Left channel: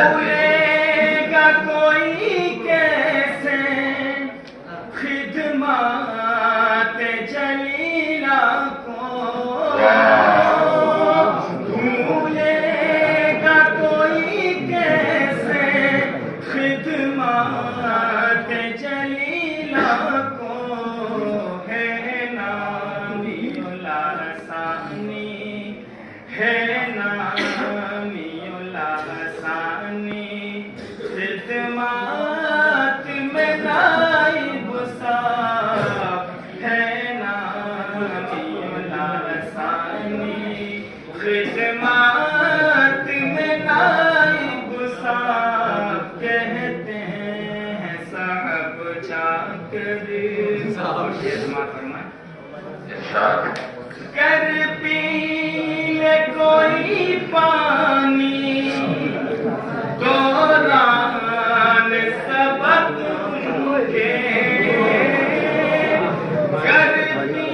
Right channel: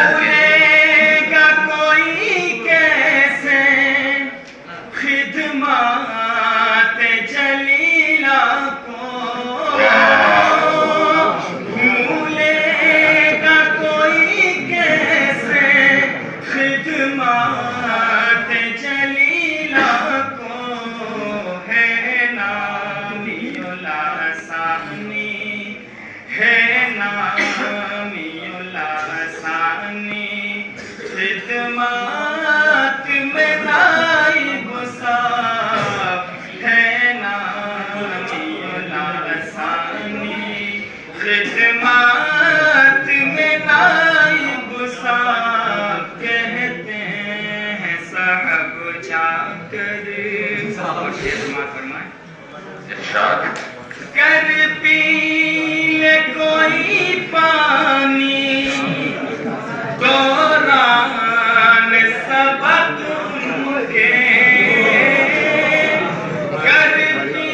भूलेगा कोई कैसे खिदमत जलीला को, भूलेगा कोई कैसे खिदमत जलीला को। है नामियुल सानी, है नामियुल सानी, खिदमत में नाइब साहब। है नामियुल सानी, खिदमत में नाइब साहब। कहते हैं साहब जाकर, कर पी ले कोई पानी, दौरान सबक उनके। कर पी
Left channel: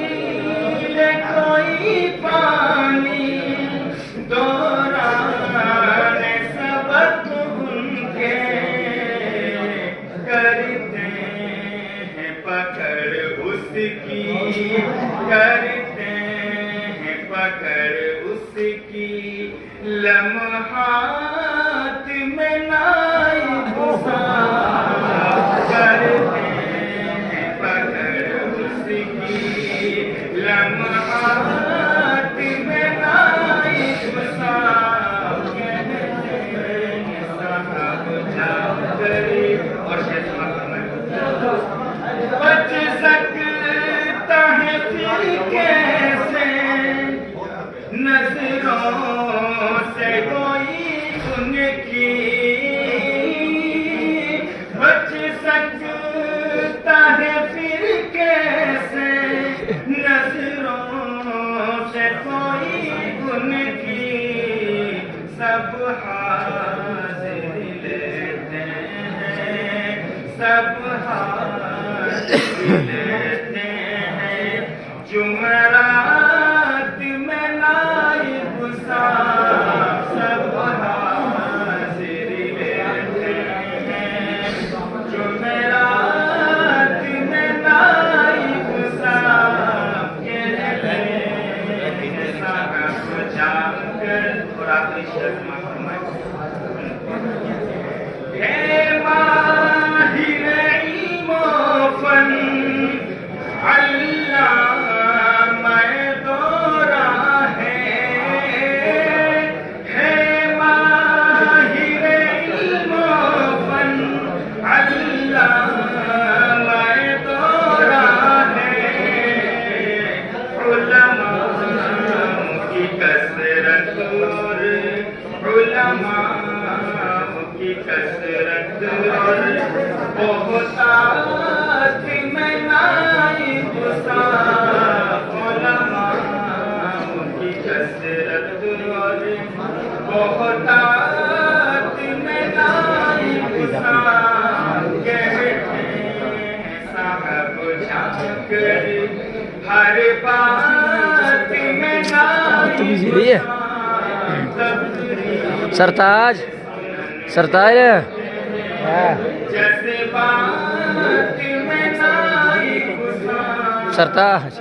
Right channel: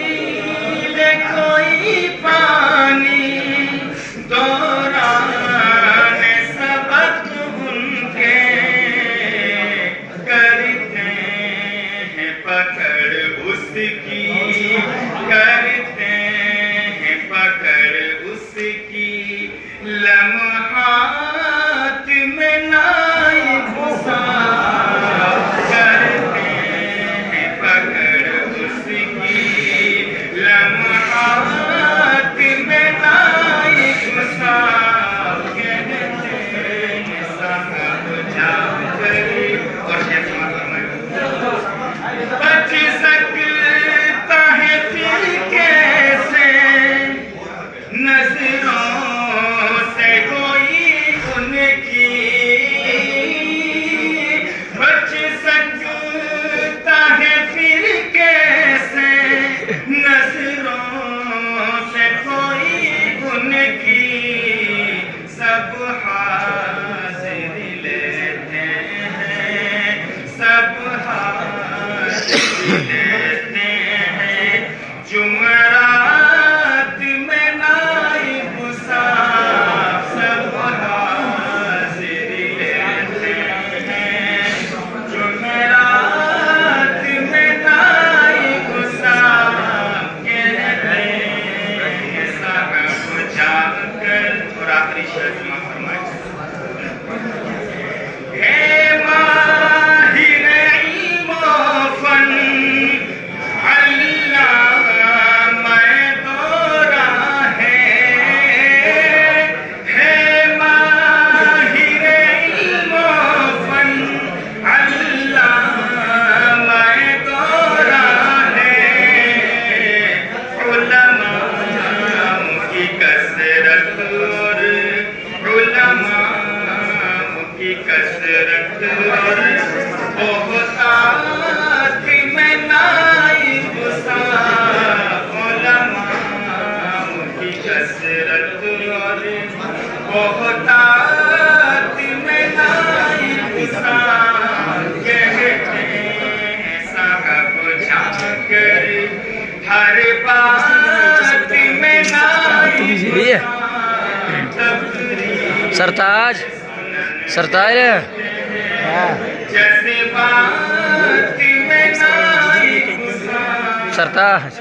ले कोई पानी, दौरान सबक उनके। करते हैं पकड़ उसकी, करते हैं पकड़ उसकी, लम्हात में नाइब साहब। करते हैं पकड़ उसकी, लम्हात में नाइब साहब। कहते हैं साहब जाकर, और बच सकता है फिर कैसे नजरों से कोई उनकी। बच सकता है फिर कैसे नजरों से कोई उनकी। सब हाजिर लेते हैं, सब लेते हैं, जुमरात में नाइब साहब। सब हाजिर लेते हैं, जुमरात में नाइब साहब। कहते हैं साहब जाकर, और आखिरी शर्त में फरमाया, हे माहिर की कसरत और बहुतात में नाइब साहब। उलमाओं की कसरत और बहुतात में नाइब साहब। कहते हैं साहब जाकर, हर बात में नाइब साहब। सरताज, सरताज जैसे बात में नाइब साहब। सरताज।